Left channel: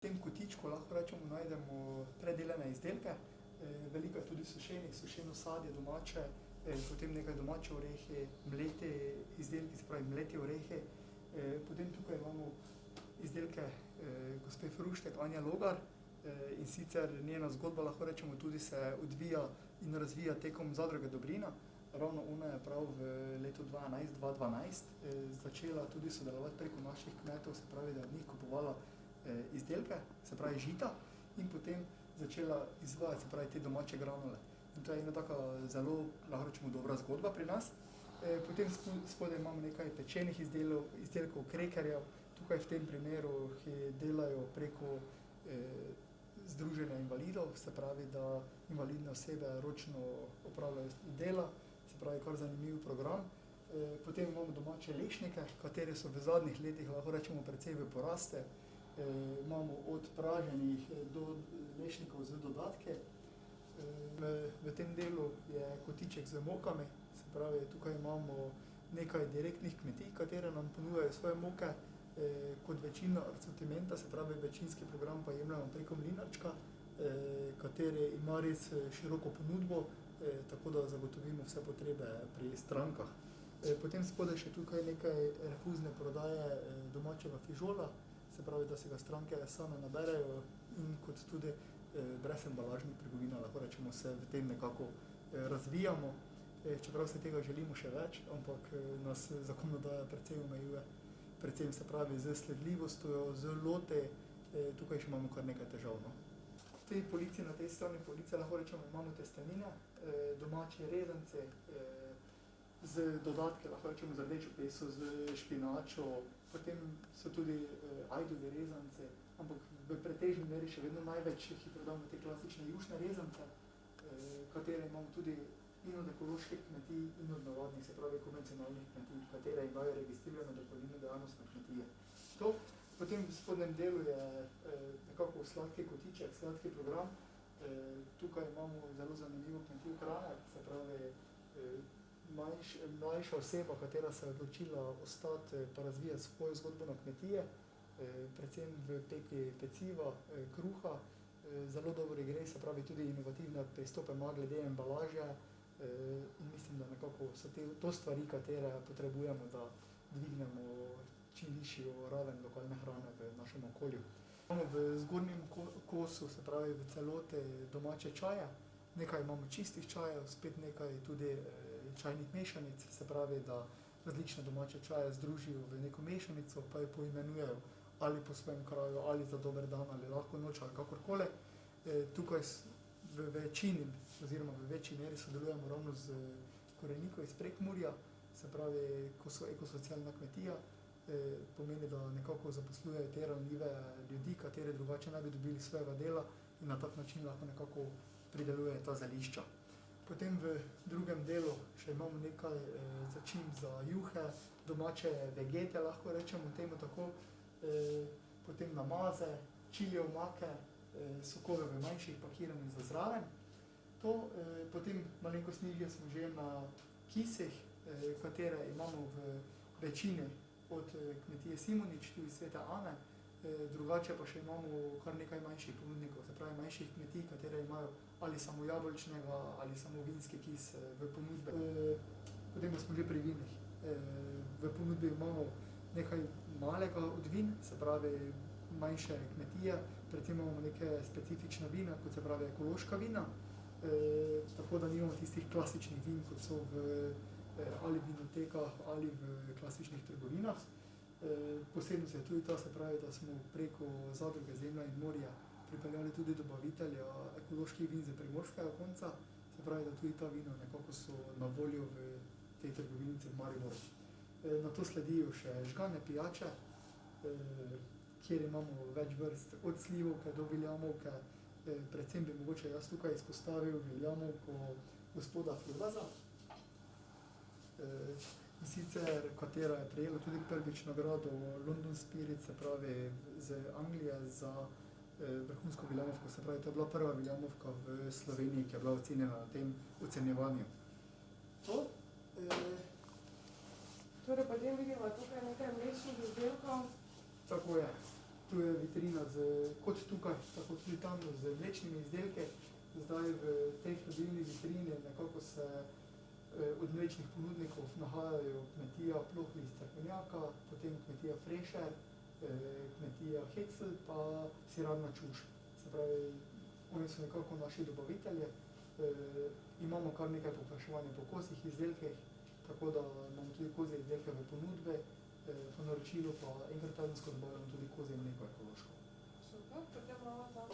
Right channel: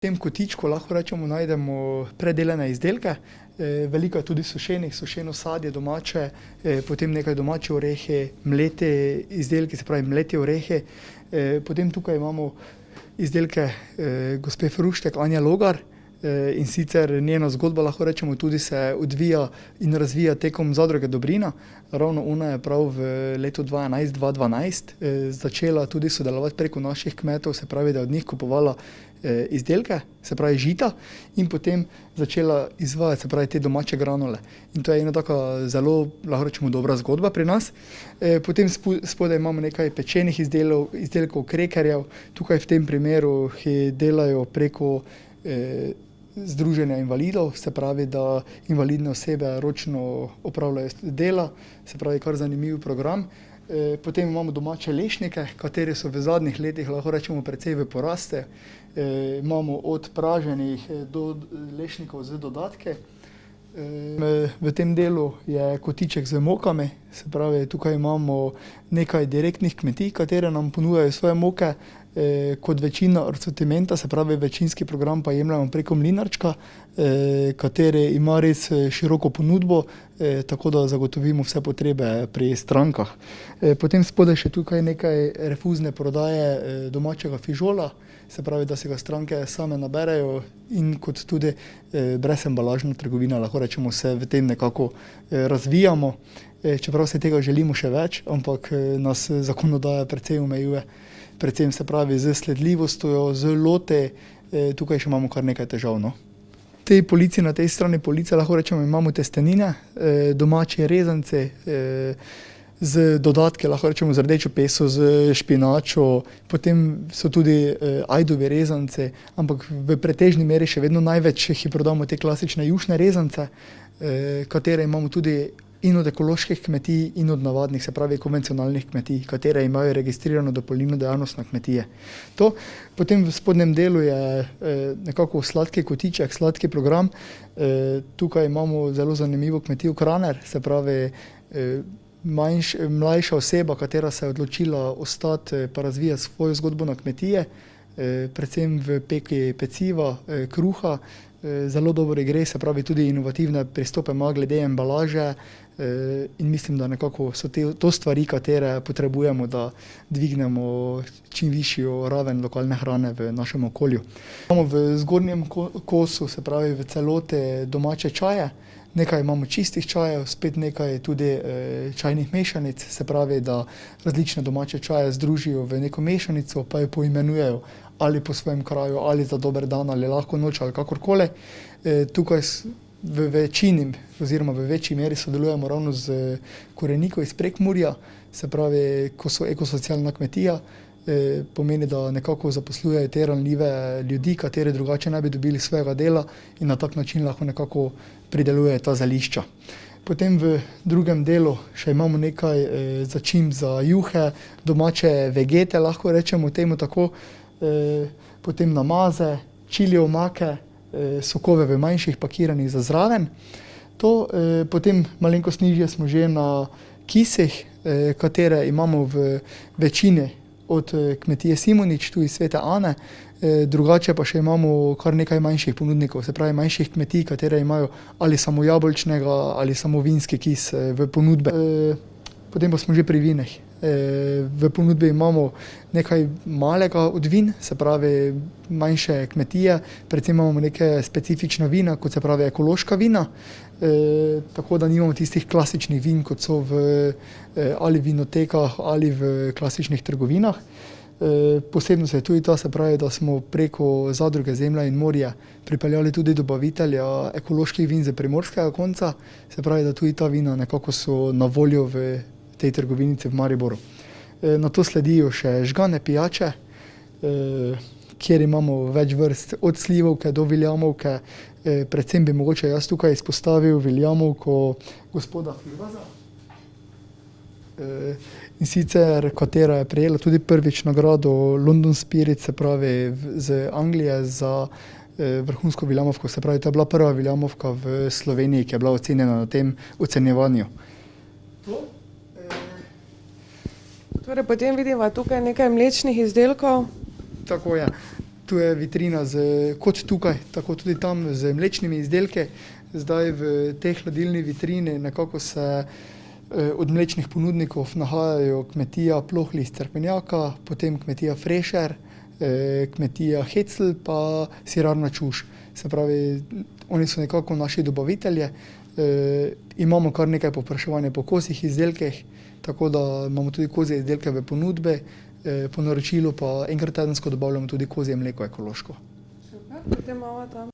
V tem kotičku lahko rečemo najdemo predelane izdelke, veliko je tudi sušeno sadje domače, potem nekaj domače orehe, mlete izdelke, se pravi mlete orehe. Potem tukaj imamo izdelke gospe Fruštek, Anja Logar, in sicer njena zgodba, lahko rečemo, tudi se odvija in razvija tekom zadruge Dobrina. Ravno ona je prav v letu 2011-2012 začela tudi sodelovati preko naših kmetov, se pravi, da je od njih kupovala izdelke, se pravi žita, in potem začela izvajati, se pravi, te domače granule. In to je ena taka zelo, lahko rečemo, dobra zgodba pri nas. Potem spodaj imamo nekaj pečenih izdelkov, krekerjev. Tukaj v tem primeru delajo preko Združenja invalidov, se pravi, da invalidne osebe ročno opravljajo dela, se pravi, kar zanimiv program. Potem imamo domače lešnike, kateri so v zadnjih letih, lahko rečemo, precej v poraste. Imamo od praženih do lešnikov z dodatke. V tem delu je kotiček z mokami, se pravi, tukaj imamo nekaj direktnih kmetij, katere nam ponujajo svoje moke, kot večina asortimenta, se pravi, večinski program pa jemljemo preko Mlinarčka, kateri ima res široko ponudbo, tako da zagotovimo vse potrebe pri strankah. Potem spodaj še tukaj nekaj refuzne prodaje domačega fižola, se pravi, da se ga stranke same naberejo, in kot tudi brezembalažna trgovina, lahko rečemo, se v tem nekako razvijamo, čeprav se tega želimo še več, ampak nas zakonodaja precej omejuje, predvsem, se pravi, z sledljivostjo, z lote, tukaj še imamo kar nekaj težav, no. V tej polici, na tej strani police, lahko rečemo, imamo testenine, domače rezance, z dodatki, lahko rečemo, z rdečo peso, z špinačo, potem so tudi ajdovi rezance, ampak v pretežni meri še vedno največ jih prodamo te klasične jušne rezance, katere imamo tudi in od ekoloških kmetij in od navadnih, se pravi konvencionalnih kmetij, katere imajo registrirano dopolnilno dejavnost na kmetije. To. Potem v spodnjem delu je nekako sladki kotiček, sladki program. Tukaj imamo zelo zanimivo kmetijo Kraner, se pravi mlajša oseba, katera se je odločila ostati pa razvijati svojo zgodbo na kmetije, predvsem v peki peciva, kruha, zelo dobro gre, se pravi, tudi inovativne pristope ima glede embalaže, in mislim, da nekako so to stvari, katere potrebujemo, da dvignemo čim višjo raven lokalne hrane v našem okolju. Imamo v zgornjem kosu, se pravi v celoti domače čaje, nekaj imamo čistih čajev, spet nekaj tudi čajnih mešanic, se pravi, da različne domače čaje združijo v neko mešanico, pa jo poimenujejo ali po svojem kraju, ali za dober dan, ali lahko noč, ali kakorkoli. Tukaj v večini oziroma v večji meri sodelujemo ravno z Koreniko iz Prekmurja, se pravi, ko so ekosocialna kmetija, pomeni, da nekako zaposlujejo te ranljive ljudi, kateri drugače ne bi dobili svojega dela, in na tak način lahko nekako pridelujejo ta zelišča. Potem v drugem delu še imamo nekaj začimb za juhe, domače vegete, lahko rečemo temu tako, potem namaze, čili omake, sokove v manjših pakiranih za zraven. To, potem malenkost nižje smo že na kisih, katere imamo v večini od kmetije Simonič, tu iz Svete Ane, drugače pa še imamo kar nekaj manjših ponudnikov, se pravi manjših kmetij, katere imajo ali samo jabolčnega ali samo vinski kis v ponudbe. Potem pa smo že pri vinih. V ponudbi imamo nekaj malega od vin, se pravi manjše kmetije, predvsem imamo neke specifična vina, kot se pravi ekološka vina, tako da nimamo tistih klasičnih vin, kot so v ali vinotekah ali v klasičnih trgovinah. Posebnost je tudi ta, se pravi, da smo preko zadruge Zemlja in morje pripeljali tudi dobavitelja ekoloških vin z primorskega konca, se pravi, da tudi ta vina nekako so na voljo v tej trgovinici v Mariboru. Nato sledijo še žgane pijače, kjer imamo več vrst, od slivovke do viljamovke, predvsem bi mogoče jaz tukaj izpostavil viljamovko gospoda Firvaza, in sicer katera je prejela tudi prvič nagrado London Spirit, se pravi z Anglije za vrhunsko viljamovko, se pravi, to je bila prva viljamovka v Sloveniji, ki je bila ocenjena na tem ocenjevanju. Torej, potem vidiva tukaj nekaj mlečnih izdelkov. Tako je. tu je vitrina kot tukaj, tako tudi tam z mlečnimi izdelki. Zdaj v tej hladilni vitrini nekako se od mlečnih ponudnikov nahajajo kmetija Plohli iz Cerkvenjaka, potem kmetija Frešer, kmetija Hecl pa sirarna Čuš. Se pravi, oni so nekako naši dobavitelji. Imamo kar nekaj povpraševanja po kozjih izdelkih, tako da imamo tudi kozje izdelke v ponudbi. Po naročilu pa enkrat tedensko dobavljamo tudi kozje mleko ekološko. Super, potem imamo tam